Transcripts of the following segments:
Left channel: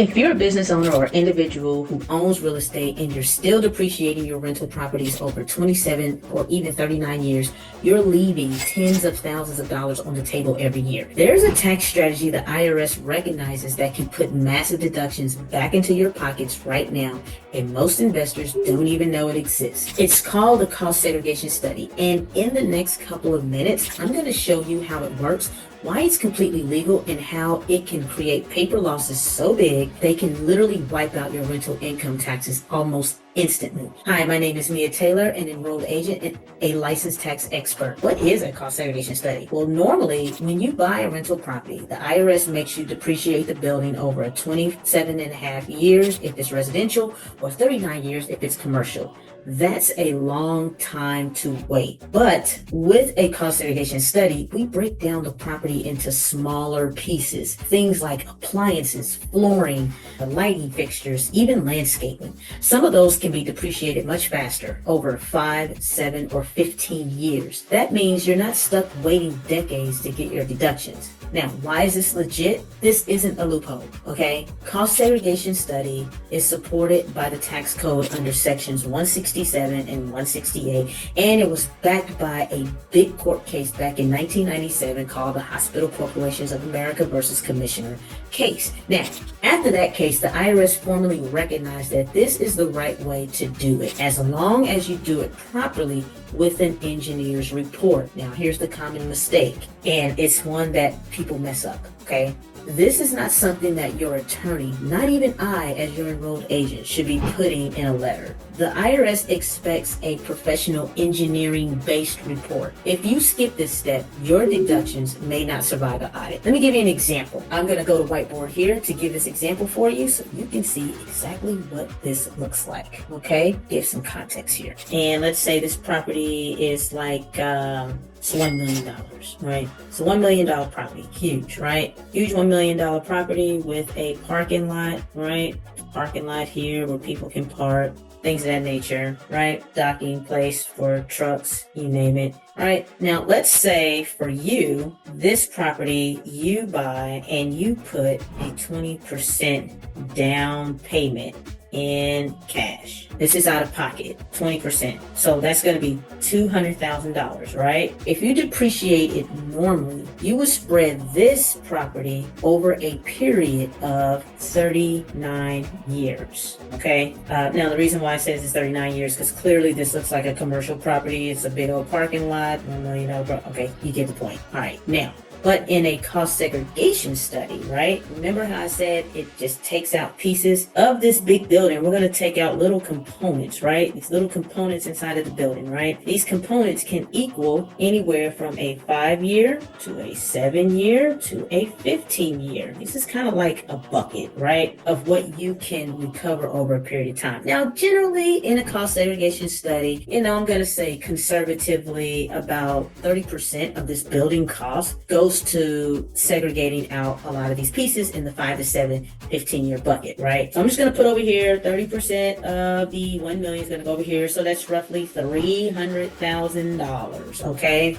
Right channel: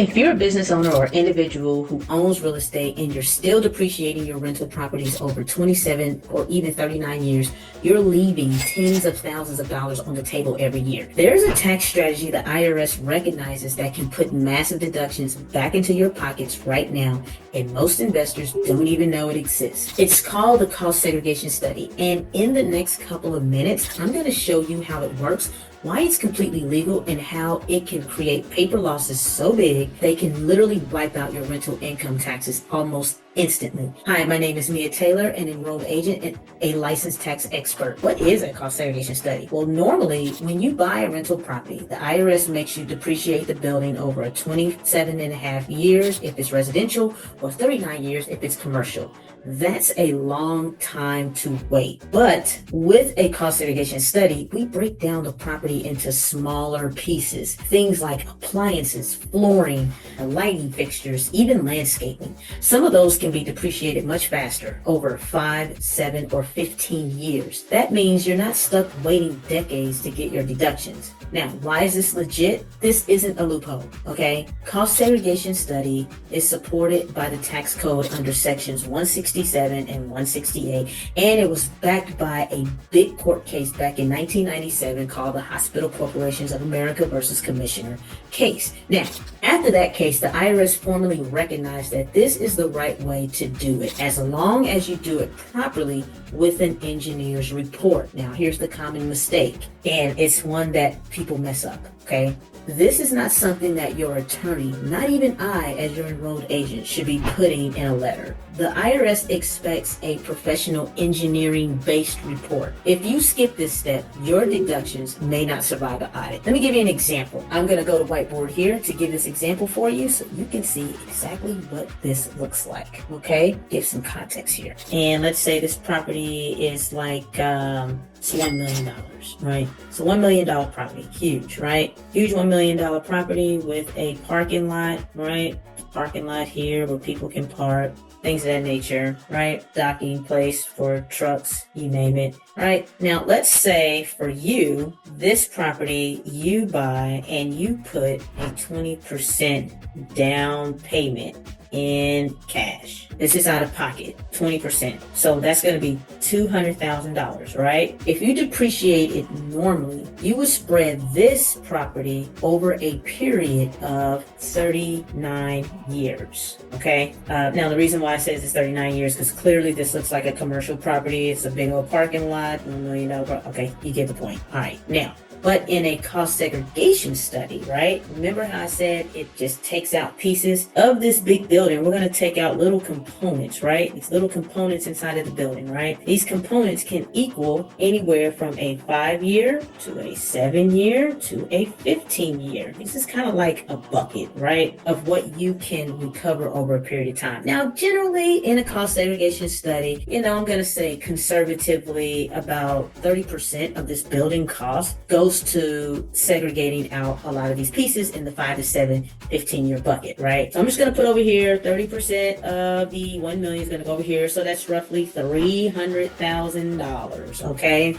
If you're a business owner or individual who owns real estate and you're still depreciating your rental properties over 27 or even 39 years, you're leaving tens of thousands of dollars on the table every year. There's a tax strategy the IRS recognizes that can put massive deductions back into your pockets right now, and most investors don't even know it exists. It's called the Cost Segregation Study, and in the next couple of minutes, I'm going to show you how it works, why it's completely legal, and how it can create paper losses so big they can literally wipe out your rental income taxes almost instantly. Hi, my name is Mia Taylor, an enrolled agent and a licensed tax expert. What is a cost segregation study? Well, normally when you buy a rental property, the IRS makes you depreciate the building over 27 and a half years if it's residential or 39 years if it's commercial. That's a long time to wait. But with a cost segregation study, we break down the property into smaller pieces. Things like appliances, flooring, lighting fixtures, even landscaping. Some of those can be depreciated much faster, over 5, 7, or 15 years. That means you're not stuck waiting decades to get your deductions. Now, why is this legit? This isn't a loophole, okay? Cost segregation study is supported by the tax code under sections 167 and 168, and it was backed by a big court case back in 1997 called the Hospital Corporations of America versus Commissioner case. Now, after that case, the IRS formally recognized that this is the right way to do it, as long as you do it properly with an engineer's report. Now, here's the common mistake, and it's one that people mess up, okay? This is not something that your attorney, not even I as your enrolled agent, should be putting in a letter. The IRS expects a professional engineering-based report. If you skip this step, your deductions may not survive an audit. Let me give you an example. I'm going to go to whiteboard here to give this example for you so you can see exactly what this looks like, okay? Give some context here. And let's say this property is like it's $1 million, right? It's a $1 million property, huge, right? Huge $1 million property with a parking lot, right? Parking lot here where people can park, things of that nature, right? Docking place for trucks, you name it, right? Now, let's say for you, this property you buy and you put a 20% down payment in cash. This is out of pocket, 20%. So that's going to be $200,000, right? If you depreciate it normally, you would spread this property over a period of 39 years, okay? Now, the reason why it says it's 39 years, because clearly this looks like a commercial property. It's a big old parking lot, $1 million. Okay, you get the point. All right, now, but in a cost segregation study, right? Remember how I said it just takes out pieces of this big building? We're going to take out little components, right? These little components inside of the building, right? These components can equal anywhere from a 5-year to a 7-year to a 15-year. This is kind of like a bucket, right? Of what you can recover over a period of time. Now, generally in a cost segregation study, I'm going to say conservatively about 30% of this building cost goes to segregating out a lot of these pieces in the 5 to 7, 15-year bucket, right? So I'm just going to put over here 30% of the 1 million is going to go over here. So that's roughly $300,000, okay?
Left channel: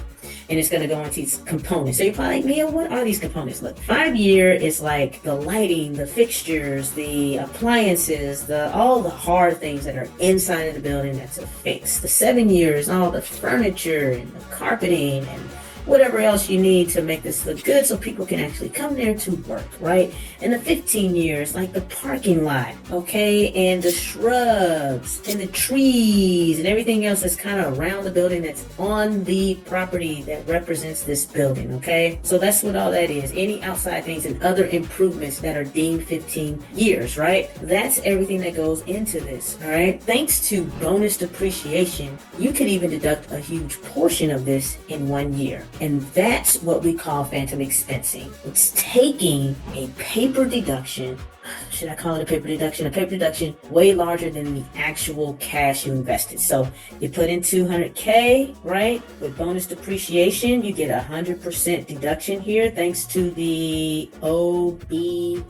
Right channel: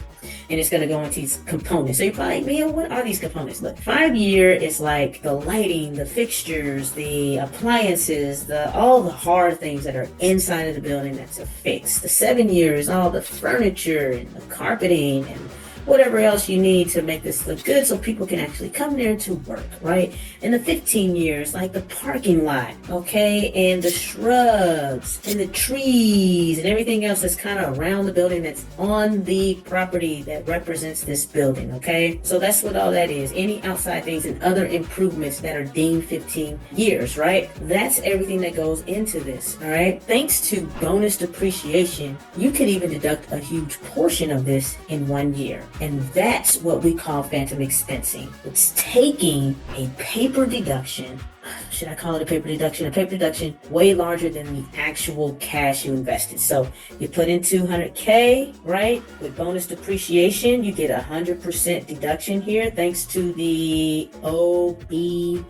And it's going to go into these components. So you're probably like, Mia, what are these components? Look, 5-year is like the lighting, the fixtures, the appliances, all the hard things that are inside of the building that's a fix. The 7-year is all the furniture and the carpeting and whatever else you need to make this look good so people can actually come there to work, right? And the 15 years, like the parking lot, okay? And the shrubs and the trees and everything else that's kind of around the building that's on the property that represents this building, okay? So that's what all that is. Any outside things and other improvements that are deemed 15 years, right? That's everything that goes into this, all right? Thanks to bonus depreciation, you can even deduct a huge portion of this in 1 year. And that's what we call phantom expensing. It's taking a paper deduction. Should I call it a paper deduction? A paper deduction way larger than the actual cash you invested. So you put in $200K, right? With bonus depreciation, you get 100% deduction here thanks to the OBBA,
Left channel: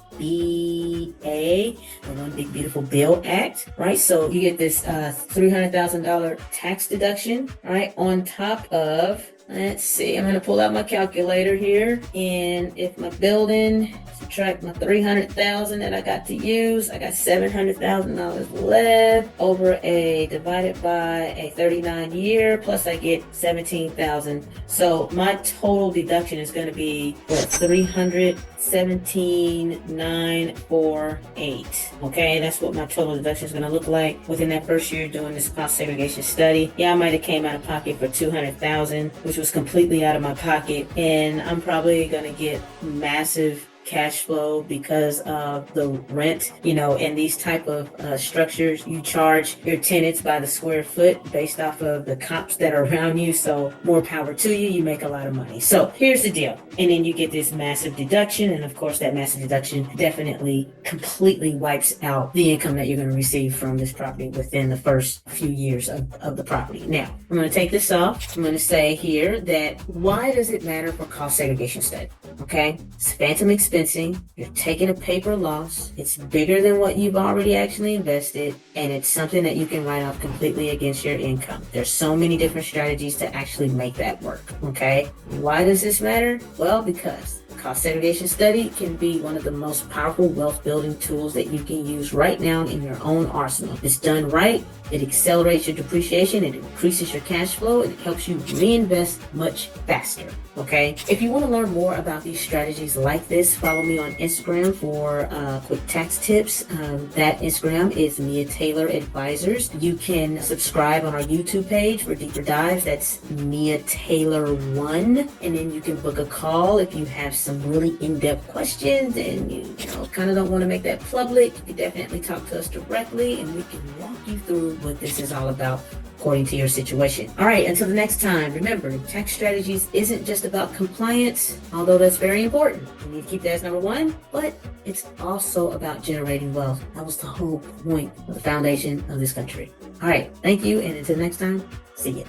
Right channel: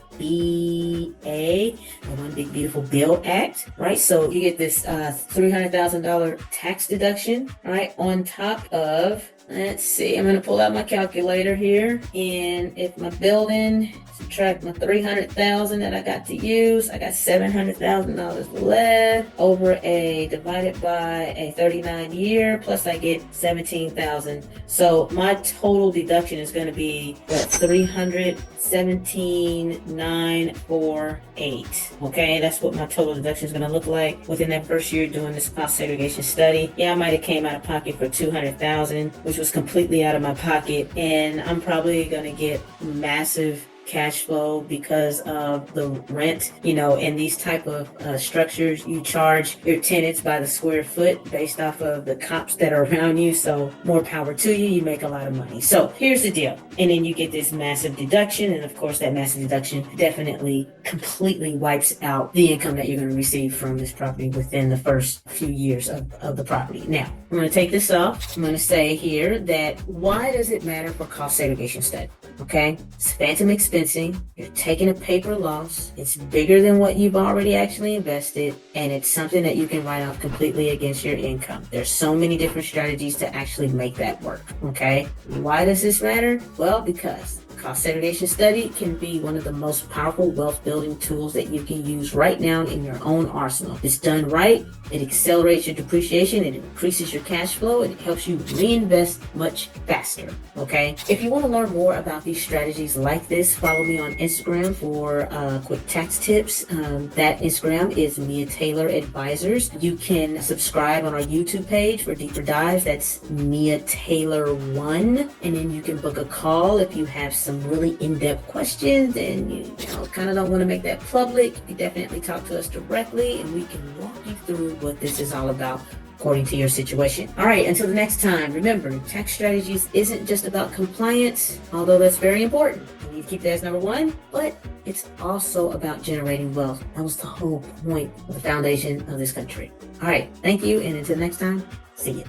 the One Big Beautiful Bill Act, right? So you get this $300,000 tax deduction, right? On top of, let's see, I'm going to pull out my calculator here. And if my building is subtract my $300,000 that I got to use. I got $700,000 left over divided by a 39 year, plus I get 17,000. So my total deduction is going to be what, 317,948. Okay, that's what my total deduction is going to look like within that first year doing this cost segregation study. Yeah, I might have came out of pocket for 200,000, which was completely out of my pocket, and I'm probably going to get massive cash flow because of the rent. In these type of structures, you charge your tenants by the square foot based off of the comps that are around you. So more power to you. You make a lot of money. So here's the deal. And then you get this massive deduction. And of course, that massive deduction definitely completely wipes out the income that you're going to receive from this property within the first few years of the property. Now, I'm going to take this off. I'm going to say here that why does it matter for cost segregation study? Okay, it's phantom expensing. You're taking a paper loss. It's bigger than what you've already actually invested, and it's something that you can write off completely against your income. There's so many different strategies to actually make that work. Okay, why does this matter? Well, because cost segregation study can be one of the most powerful wealth building tools that you can use right now in your own arsenal. It's done right. It accelerates your depreciation, it increases your cash flow, and it helps you reinvest much faster. Okay? If you want to learn more about these strategies like this, follow me on Instagram for quick tax tips. That Instagram is Mia Taylor Advisors. You can subscribe on our YouTube page for deeper dives. That's Mia Taylor 1. And then you can book a call if you have some really in-depth questions and you kind of don't want to make that public. You can definitely talk to us directly and we can walk you through what this is all about according to your situation. All right, until the next time, remember, tax strategies isn't just about compliance, although that's very important. You need to keep that as number one, but it's also about generating wealth. That was the whole point of the foundation of this country. All right, thank you, and until next time, see you.